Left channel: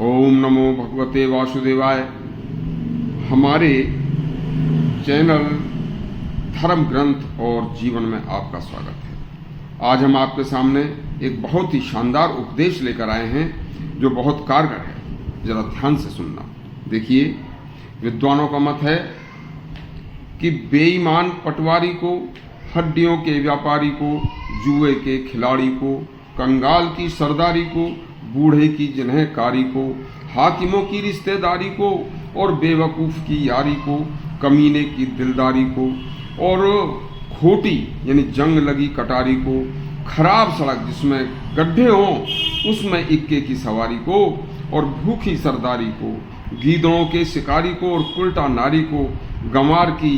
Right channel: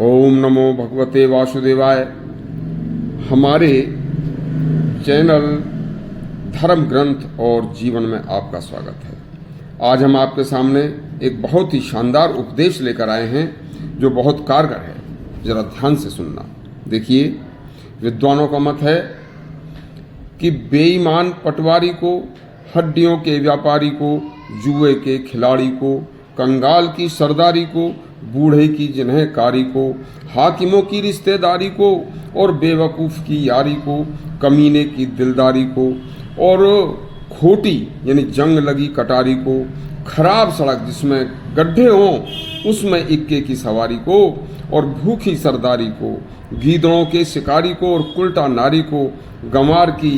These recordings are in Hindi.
ओम नमो भगवते वासुदेवाय। हमारे चैनल धर्म ग्रंथ और जीवन में आपका स्वागत है। आज हम आपके सामने एक बहुत ही शानदार उपदेश लेकर आए हैं जो बहुत कारगर है। जरा ध्यान से सुनना। देखिए, विद्वानों का मत है कि बेईमान पटवारी को, हड्डियों के व्यापारी को, जुए के खिलाड़ी को, कंगाल की सरदारी को, बूढ़े की जिन्हकारी को, हाकिमों की रिश्तेदारी को और बेवकूफ़ की यारी को, कमीने की दिलदारी को और खोटी यानी जंग लगी कटारी को, खराब सड़क जिसमें गड्ढे हों उसमें इक्के की सवारी को और भूखी सरदारी को, गीदड़ों के शिकारी को और उल्टा नारी को, गंवार की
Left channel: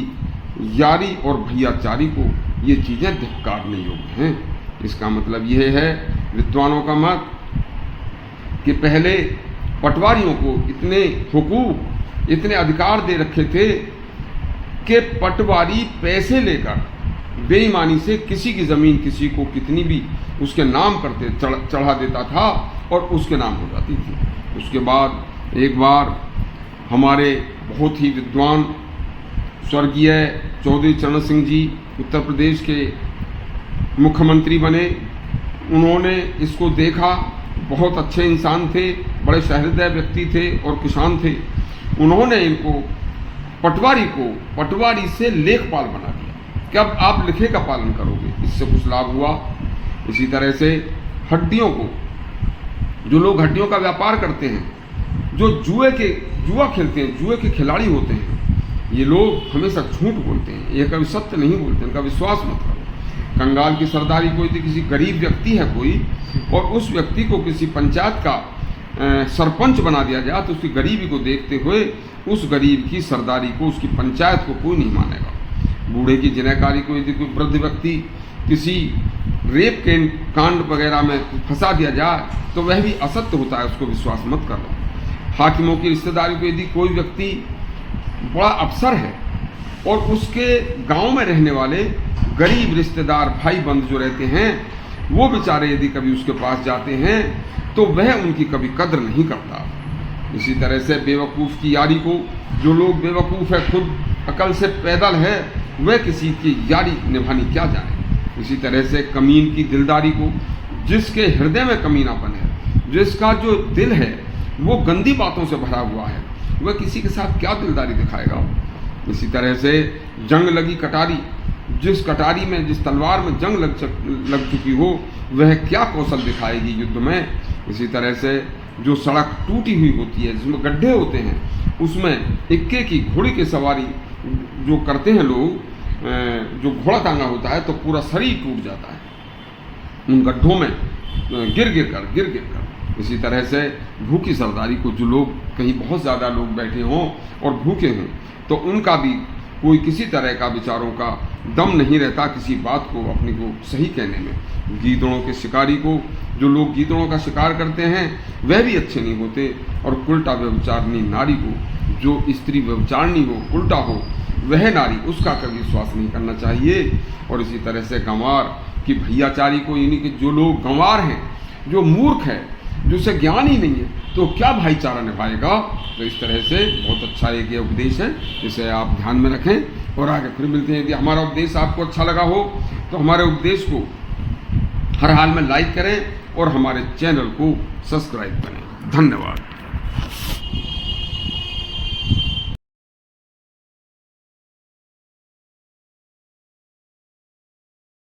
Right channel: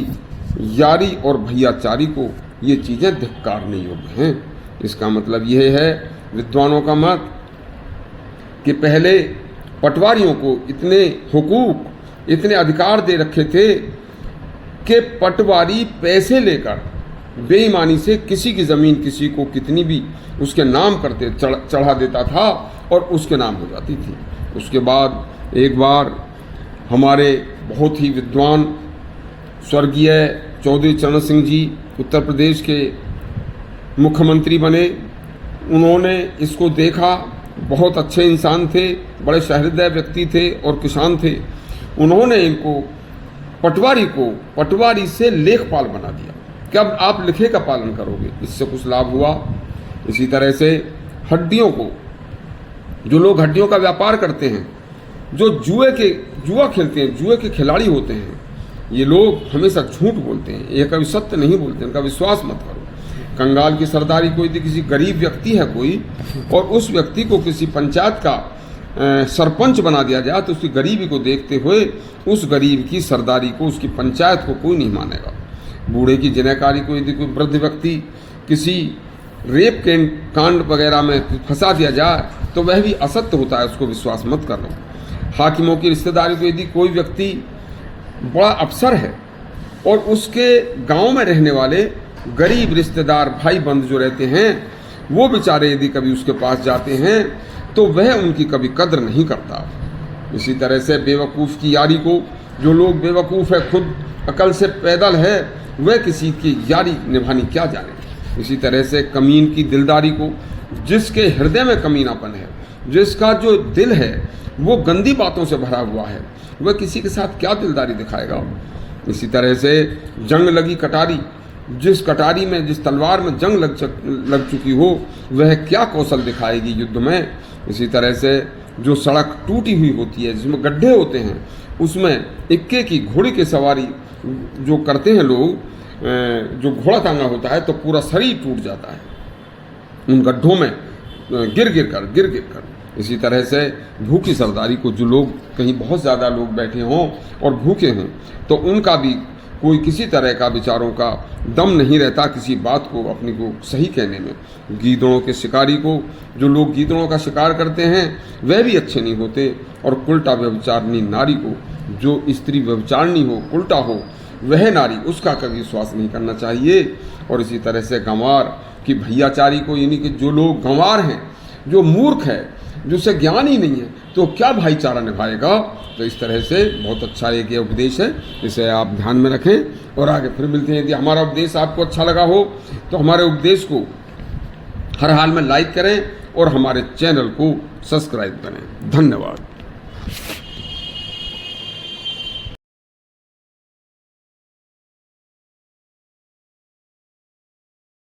यारी और भैयाचारी को, ये चीज़ें धिक्कारने योग्य हैं। इसका मतलब यह है, विद्वानों का मत, कि पहले पटवारियों को इतने हुकूक, इतने अधिकार दे रखे थे कि पटवारी पैसे लेकर बेईमानी से किसी की ज़मीन किसी को कितनी भी उसके नाम करते चढ़ा देता था और उसके नाम हो जाती थी। उसके बाद एक बार हमारे बहुत ही विद्वान स्वर्गीय चौधरी चरण सिंह जी उत्तर प्रदेश के मुख्यमंत्री बने। उन्होंने इसको देखा, बहुत अच्छे इंसान थे, बड़े सहृदय व्यक्ति थे और किसान थे। उन्होंने इनको पटवारी से लेखपाल बना दिया कि अब आप लिखे का पालन करोगे। इससे कुछ लाभ हुआ। इसी तरह से हड्डियों को, जो लोग हड्डियों का व्यापार करते हैं, जो जुआ खेलते हैं, जुए के खिलाड़ी होते हैं, ये लोग हमेशा झूठ बोलते हैं, ये कभी सत्य नहीं बोलते, इनका विश्वास मत करो। कंगाल की सरदारी कोई किसी गरीब व्यक्ति है कोई, और उस व्यक्ति को किसी पंचायत का सरपंच बना दिया जाए तो उसकी गरीबी को देखते हुए उस गरीब की सरदारी को, उसकी पंचायत को कोई नहीं मानेगा। बूढ़े की जिन्हकारी को यदि कोई वृद्ध व्यक्ति किसी रेप के कांड वगैरह में फंसा दिया जाए तो वह भी असत्य होता है, उसको विश्वास मत करना। हाकिमों की रिश्तेदारी को यदि कोई व्यक्ति बड़ा अफसर है और उसके गांव में रहने वाले गरीब रिश्तेदार भाई बंधु जो रहते हैं, वो बेचारे यदि कभी उसके पास जाते हैं तो वह उनकी कभी कद्र नहीं करता। इसी तरह से बेवकूफ़ की यारी को, जो लोग बेवकूफ़ है, खुद अकल से पैदल है, वह किसी की यारी निभानी क्या जाने। इसी तरह से कमीन की दिलदारी को, जिसके हृदय में कमीनापन है, जिसका जो दिल है वो गंदी बातों से भरा हुआ है, वह किसी के साथ क्या दिलदारी दिखाएगा। इसी तरह से जंग लगी कटारी, जिस कटारी में, जिस तलवार में जंग लग चुकी हो, वह क्या कौशल दिखाएगी युद्ध में। इसी तरह से जो सड़क टूटी हुई होती है, जिसमें गड्ढे होते हैं, उसमें इक्के की घोड़ी की सवारी जो करते हैं लोग, जो घोड़ा टांगा होता है तो पूरा शरीर टूट जाता है उन गड्ढों में गिर गिर कर। इसी तरह से भूखी सरदारी को, जो लोग कहीं बहुत ज़्यादा लोग बैठे हों और भूखे हों तो उनका भी कोई किसी तरह का विचारों का दम नहीं रहता किसी बात को अपनी को सही कहने में। गीदड़ों के शिकारी को, जो लोग गीदड़ों का शिकार करते हैं, वह भी अच्छे नहीं होते। और उल्टा व्यभिचारिणी नारी को, जो स्त्री व्यभिचारिणी हो, उल्टा हो, वह नारी, उसका कभी विश्वास नहीं करना चाहिए। और इसी तरह से गंवार की भैयाचारी को, यानी कि जो लोग गंवार हैं, जो मूर्ख है, जिसे ज्ञान ही नहीं है, तो क्या भाईचारा निभाएगा। तो इस तरह से बहुत अच्छा एक ये उपदेश है, इसे आप ध्यान में रखें और आगे फिर मिलते हैं। यदि हमारा उपदेश आपको अच्छा लगा हो तो हमारे उपदेश को हर हाल में लाइक करें और हमारे चैनल को सब्सक्राइब करें। धन्यवाद।